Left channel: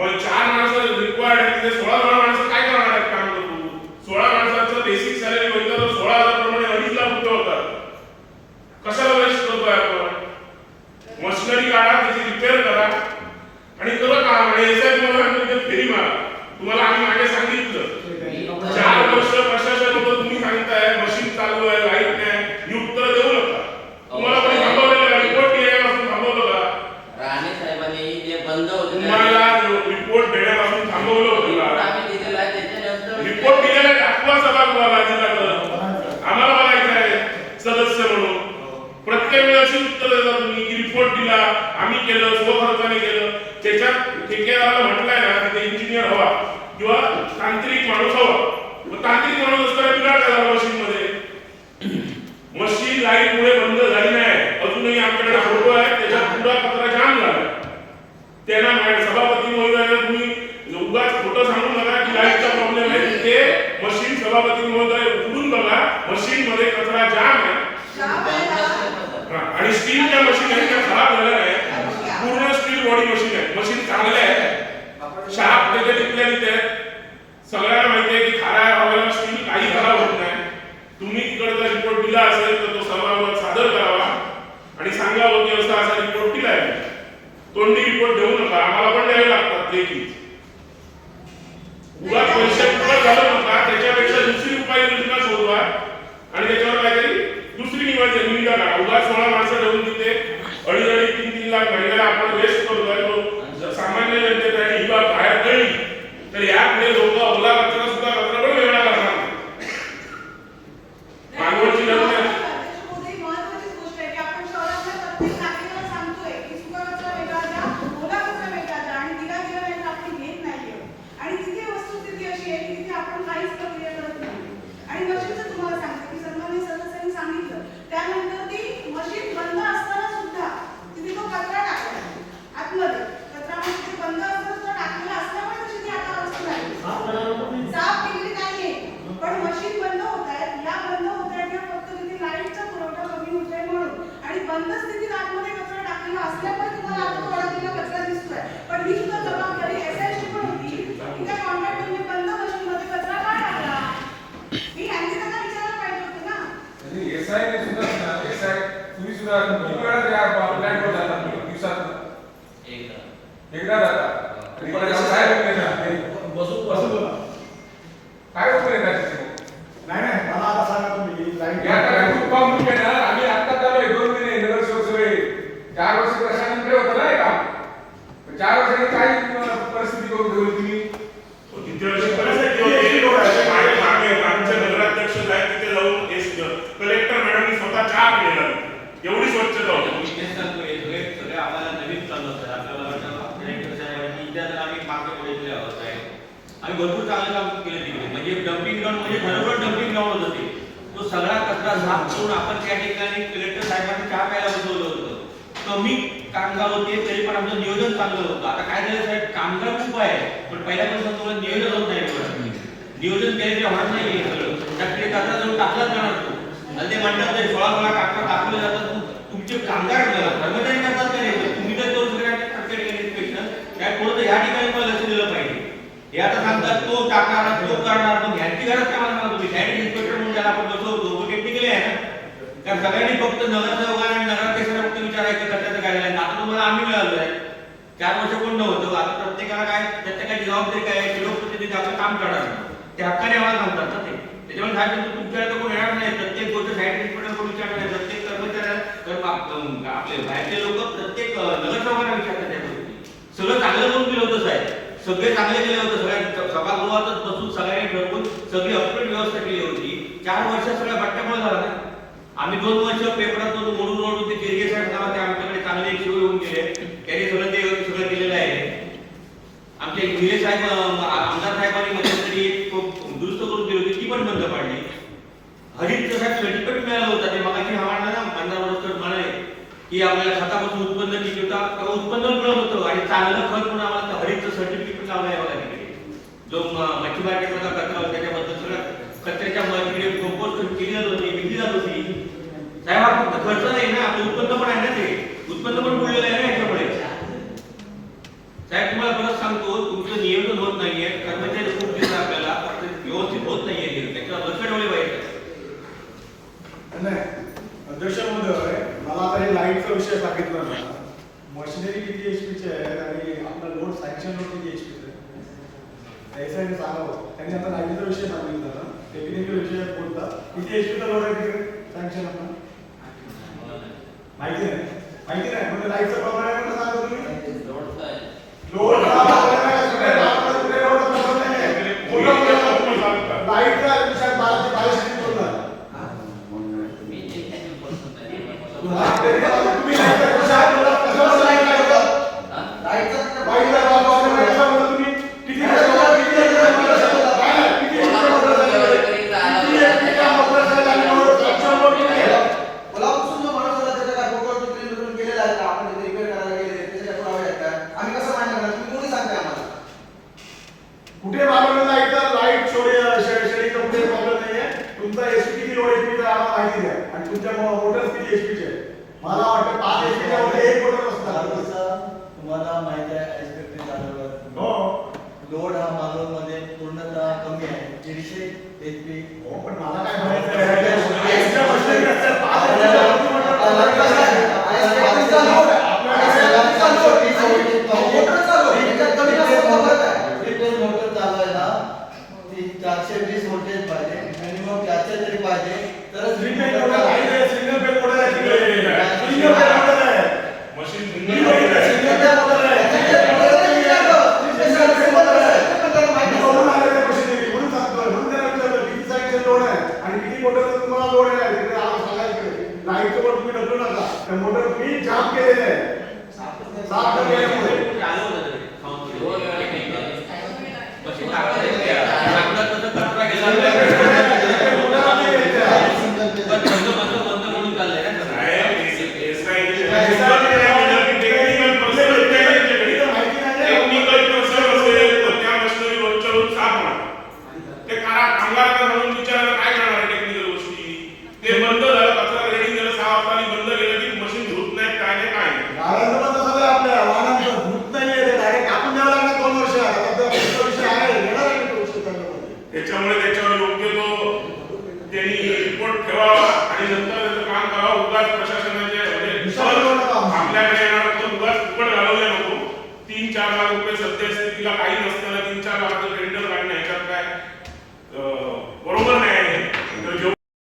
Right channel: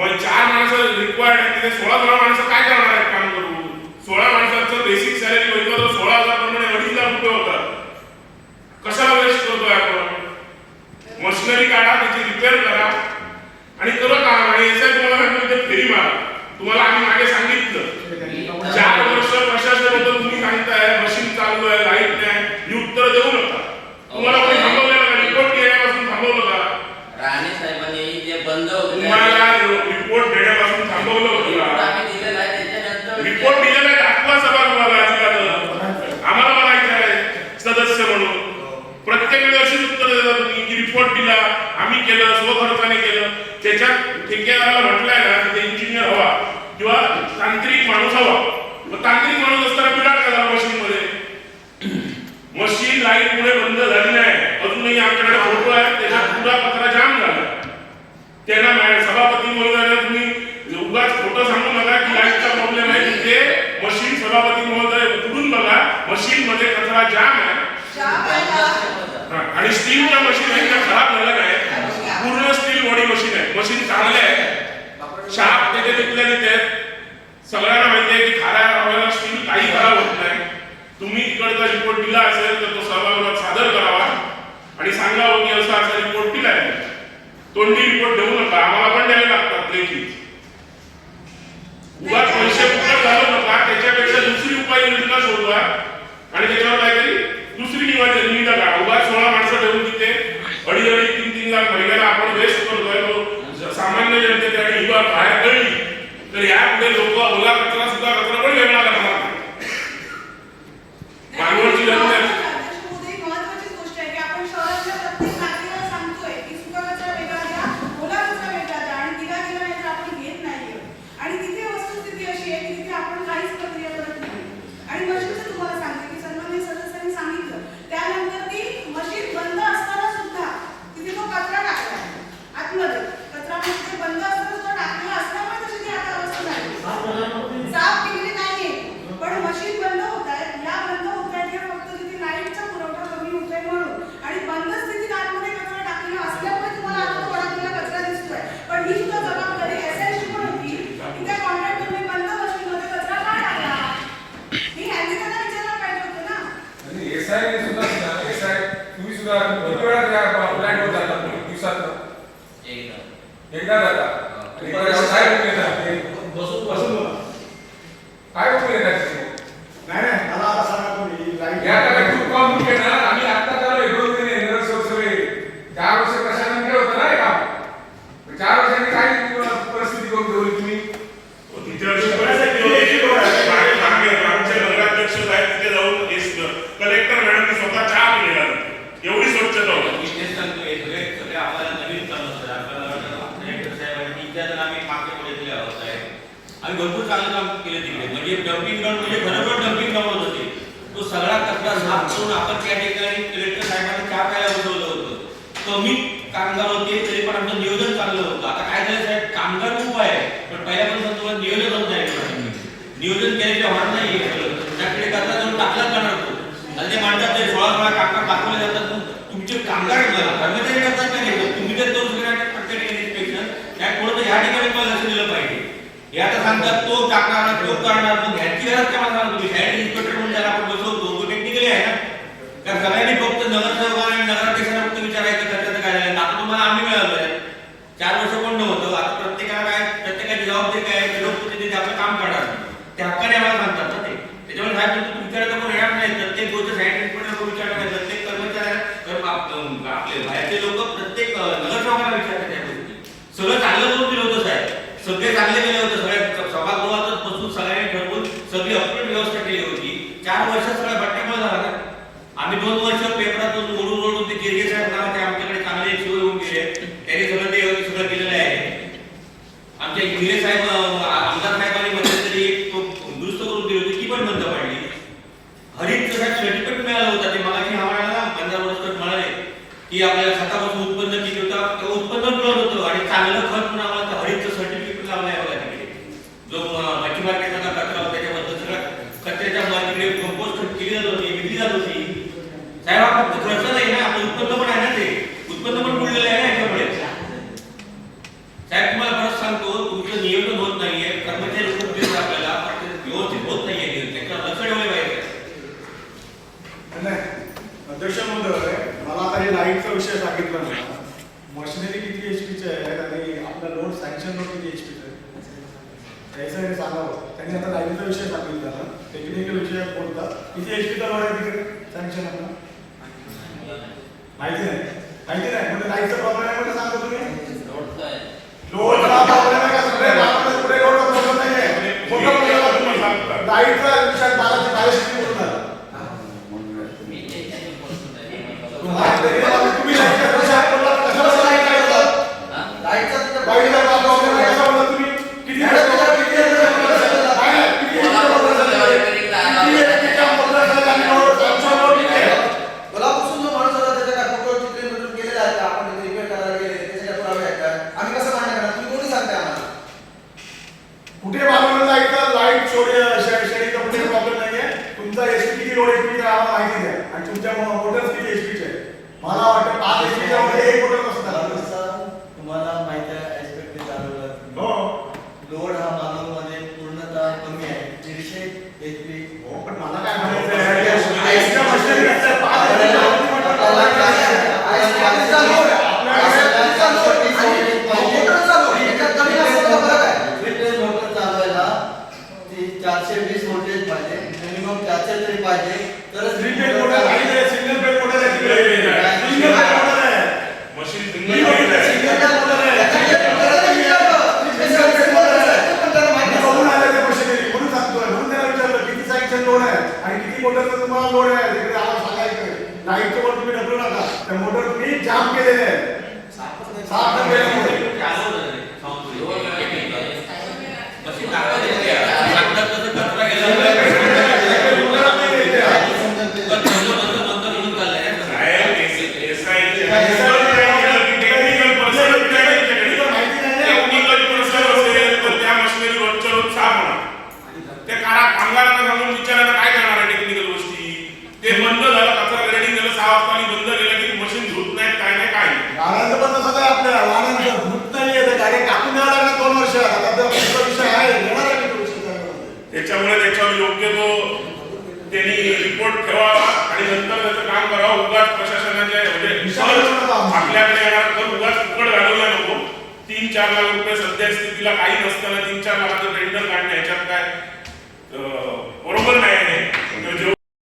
मग 4 माणसं रिक्वायर्ड आहे, तिथे 16 माणसं काय करणार आहेत काम करून? 16 माणसाचं बेसिक सॅलरी होईल तर 16,000 प्रमाणे 2.5 लाख रुपये होतात. कशाला वेस्ट करतोय आपण? मशिनरी काढा, त्याची रिपेअर करा आणि करा काम. आणि एसआय तुम्हाला फेरी मारा. तुम्हाला आम्ही मागे सांगितलं 4 वर्ष प्रशासन होतं, तुम्ही सांगताय मशीन चालू आहे, लाईट नाही, ही उत्तर देऊ नका. तुम्हाला कोणी थांबवलं का? रिपोर्ट देण्यापासून थांबवलं का? राणे साहेबांनी जे बंद होते तुम्हाला रिपोर्ट देण्यापासून थांबवलं होतं का? आम्ही दिलेला आहे, त्याच्यानंतर रिपोर्ट दिलेला आहे, दाखवा सभागृहाला अधिकार. आम्हाला म्हणायचं आहे सदस्य म्हणून प्रत्येक वेळी अशी उत्तर देता तुम्ही की रिपोर्ट दिला, आम्ही केलं, स्वखर्चाने केलं. त्याच्यात ठेकेदाराला म्हटलंय ना तिथे इंजिनियर हवा किंवा तांत्रिक माणूस हवा. मग तांत्रिक माणूस असताना बिघाड झाला मशीन मध्ये. मशीन लाईट मुळे बंद झाली नाही. अजूनही आमच्याकडे फोटो आहे, त्याच्यात पुरा कचरा जाम झाला. त्यांना सभापती महोदयाने तुम्ही उगाच खोटं सांगू नका की लाईटचा प्रॉब्लेम आहे. तिथे मशीन सभापती महोदय उघडून बघा, मशीन मध्ये कचरा जाम आहे आणि स्टीलच्या मशीन हे खराब झालं नाही. पूर्ण स्टील बॉडी मशीन आहे. मशीन चांगले आहे, शार्प त्याचे तिथल्या तिथे सगळ्यांना माहिती आहे की खाऱ्या हवाला स्टील काही खराब होत नाही. तुम्ही तिकडचा रिपोर्ट दिला असेल तर तो सभागृहात सादर करावा आणि सांगावं की असा असा रिपोर्ट दिला आहे. तोंडी रिपोर्ट देऊ नका, आम्हाला पण द्यावे लागतात लेखी. उगाच पैसे उपलब्ध झालं नका, त्याच्यापेक्षा दुसरी उपाययोजना शोधवा आणि त्याच्यावर काहीतरी दुसरी निविदा काढा. उगाच 16 माणसं ठेवून तिथे 2.5 3 लाख महिन्याला आपण वेस्ट करतोय. तो सामान्य जनतेसाठी ही बाब बाहेर पडली तर यापुढे लोक ओला कचरा सुद्धा कचरा पण वेगळा करणार नाही. मानवडची जनता त्यानंतर ती मशीन बंद असताना सुद्धा तिथे तो कचरा टाकलाय आतमध्ये. कचरा मध्ये बंद असताना सुद्धा टाकलेला असल्यामुळे तशी ती आता अवस्था झाली. साफ केलेली नाहीये, पण मशीन बंद होत आहेत. या बंद होत आहेत या फक्त तिथे लाईटचा पुरवठा कमी होतोय म्हणून. आणि बंद स्थितीत आतमध्ये कचरा टाकलेला असल्यामुळे तुम्हाला आता थोडा तिला कचरा दिसतोय. पण ही सुद्धा जबाबदारी एसआयची पण होती की त्या कॉन्ट्रॅक्टरने बंद मशीनमध्ये कचरा का टाकला. ही ह्यांनी त्यांना विचारायला पाहिजे होतं ना. एसआय सुद्धा तुम्ही सुद्धा किती वेळा त्या प्लॅनवर जाता? दिवसात एकदा जाता आणि काय बसून काय उपयोग येतात? नाही मला आता सांगा तुम्ही आम्ही आता चालू 1-2 महिने नगरसेवक 4 वर्ष प्रशासनाकडे होतं ना हे काम. 4 वर्षांनी काय परिस्थिती करून ठेवली तुम्ही? किती वर्ष परिस्थिती नगराध्यक्ष साहेब तिथे जाऊन कलेक्टर मॅडमनी स्वतः चहा पिलेला. एवढी स्वच्छता होती. आम्हाला नवीन चाललं सर. आपल्याला कलेक्टर साहेबांनी इतिहासात आम्ही मागच्या पुढे केले आहोत आहे. आम्ही भरपूर चांगलं काम केलं तिकडे. म्हणजे डम्पिंग ग्राउंड म्हणजे खरोखर डम्पिंग ग्राउंड होते. तो सगळा कचरा साफ करून आपण त्या ठिकाणी कलेक्टर साहेबांनी चहा प्यायला बसवलं होतं. कमी कामगार होते तरी पण आमचं नियोजन चांगलं होतं. आता काय झालं साहेब, कामगार खूप आहे पण पहिल्यापासून तुम्हाला नियोजन होत नाही. नियोजन केल्याशिवाय होणार नाही. त्याकडे कचरा जाऊन टाकलाच जाणार तो. आणि ते म्हणतात ते 16 कामगार दाखवले जातात. तुमचे कामगार कर्मचारी करतात का नाही? तुम्ही जर तो सगळ्या प्रत्येक इन्स्पेक्शन त्या थोडं ह्या ठिकाणी पण लक्ष दिलं पाहिजे. हे आता सांगतात तो टाकणार तो करणार, मग ह्यांची गरज काय मला सांगा तुम्ही. साईड इन्स्पेक्टर म्हणून ज्याला आपण बसवतो तो टेक्निकली आहे ना. कारण सगळ्यांनी फक्त नगरसेवकांना आणि नगराध्यक्षांना फक्त विचारायचं कशाचं काय झालं. आता तुम्हाला आम्ही मिळालो आहे. 4 वर्ष कोण नव्हतं. आता प्रत्येकाला काय, प्रत्येकाची जबाबदारी काय आहे, लोकप्रतिनिधी आपलं काम करणार ते हक्काने आम्हाला सांगतात ना ते. त्याच्यामुळे साहेब तुमच्याकडे कोण येणार नाही. प्रत्येक गोष्ट साईड इन्स्पेक्टर विचारणार नाही. प्रत्येक कर्मचाऱ्यांना आपले बाहेरचे लोक प्रत्येक नगरसेवकांना विचारतात त्या गोष्टी. सगळं चांगलं करून दिलं होतं साहेब. सगळे चांगले केले होते. सगळ्या सभागृहातच बसून सगळ्यांनी ठरवून सगळी अपडेट व्यवस्था केली होती. 4 वर्ष सगळ्या बट्ट्यामुळे झाला ना. आम्ही 2 वर्ष पेपरातून ओढून ते गिरगे साहेब नावाचे आमच्याकडे चांगले शिव येऊन गेले. त्यांनी सगळं ते सगळं केलेलं आहे. आमच्या इंजिनियर साहेब आमदार साहेबांनी मध्यंतरी एक दुरुस्त करून दिली होती, ती पण बंद पाडली. हरितचं साहेब सर्टिफिकेट मिळालं होतं, ते मगाशी आम्हाला ना 15 वर्ष म्हणाले की आपल्याला खतापासून उत्पन्न किती होतं, तर उत्पन्न मिळत होतं आणि चांगलं खत म्हणून आम्हाला हरितचं सर्टिफिकेट लावलं आहे बघा तिकडे. जो मच्छी मार्केटमधला कचरा होता त्याच्याबद्दल सगळं कचऱ्याच्या तिकडे कंपोस्ट केली जात होती, विकली जात होती. साहेब हा फक्त खर्च नाही ना, आपलं उत्पन्न पण आहे ना, ते उत्पन्न पण बुडलेलं आहे ना याच्यामुळे. साहेब तुम्हाला परत सांगतो, तुमचं नियोजन होत नाहीये, कर्मचारी खूप दिसत आपल्याला, व्यवस्थित होत नाहीये, त्याच्यावर लक्ष ठेवले पाहिजे. अध्यक्ष महोदय, मला आता हे लाईटचा विषय सांगितला ना, मशिनरी किती एचपीचे आहेत आणि आपला लोड सँक्शन लोड किती एचपीचे आहे याचं हे सांगावं. त्यांनी आता लाईटचा विषय सांगितला ना, टेक्निकल विषय बोलतात, किती एचपीचा लोड आहे तिथे सँक्शन आपलं माहिती नाही म्हणजे लाईटचा प्रॉब्लेम आहे म्हणजे सांगा तुम्ही. लोडचं आहे. लोडचा प्रॉब्लेम आहे का कुठे लोडचा प्रॉब्लेम नाही आहे. मोठा प्रॉब्लेम आहे लाईटचा विषय 1200 करून झाला. मी त्याच्याने बोलतो आहे. तुम्ही लाईटचा विषय बोलला कशाला लाईट काढतात? हा? लाईटचा प्रॉब्लेम आहे कसा बोलला तुम्ही? किती कोल्हापूरसून जो माणूस आला त्याच्या कागदपत्रावर चित्रण बदलून केलेला आहे का आपण तिथे रिपेअर करायला गेले त्याच्या पुरावे आहेत का आम्ही कसं मान्य करणार तुम्ही कोणी सांगताय आम्हाला कुठे बाबा लाईट शेडीचा कुठे प्रॉब्लेम नाहीये. तुमचा एचपी किती लोड एचपीचा आम्हाला माहिती द्या आणि तुमच्या मोटर किती एचपीचे आहे. मला वाटतं 5 एचपीच्या मध्ये एक मोटर असतात. तुम्हाला माहिती आहे एक्सपेक्टेड चालवलं हो लोड हा मानवमध्ये पूर्णतः कमी आहे 150 एचपी हो, पण मला काय म्हणायचं आहे, एक्स्ट्रा मशिनरी असतात, 5 HP मोटर चालवायला 420 व्होल्टेज पाहिजे मिनिमम 400 तरी पाहिजे तरच रिपेअर मोटर आहे. सिंगल बेड मोटर आहे. सिंगल बेड मोटर आहे. मशीन सिंगल बेड आहे. सिंगल मोटर आहे. बघून आले ते मशिनरी म्हणून सांगतोय. म्हणून त्याला विचारलं किती सँक्शन लोड आहे आणि किती मोटरचा तुम्हाला लोड आहे तिकडे आम्हाला सांगायचं. लाईटचं वर तुम्ही ढकलू नका. त्या मोटर तुम्ही जाम केलेले आहे. साफ केलेले मोटर. दोन वेळा केलं. मशीन टाकलं तसं कचरा गेला बंद म्हणून चाललंय ना सगळं. टेक्निकल पर्सन असेल तर त्या मशिनरी रोजच्या रोज साफ होणार. ते कामगारांना सांगून विचारायला काय करणार आहे टेक्निकल गोष्टी. ते बंद झालं, कचरा रेडी झालं, 6 वाजता बंद केलं की मशीन धुत नाहीत, काय नाही काय नाही. वाहनांचं पण तसंच आहे. आपल्या वाहनांचं भूत नाहीये ते गाडी कापून द्यावं लागणार 2 वर्ष. आता तो पुढचा विषय आहे येणार आहे तो विषय चांगला. त्याच्यामुळे त्याच्यावर योग्य तो त्यांनी रिपोर्ट ठेवावा आणि नंतर त्याचं काम करावं. उगाच प्रशासनाचे म्हणजे आपल्याकडे येणार पण उगाच फुकट घालवूया नको. 3-4 लाख रुपये सध्या स्थितीला काही नसताना 3-4 लाखाचं टेंडर काढणं ह्याच्यात काय बरोबर नाही आहे.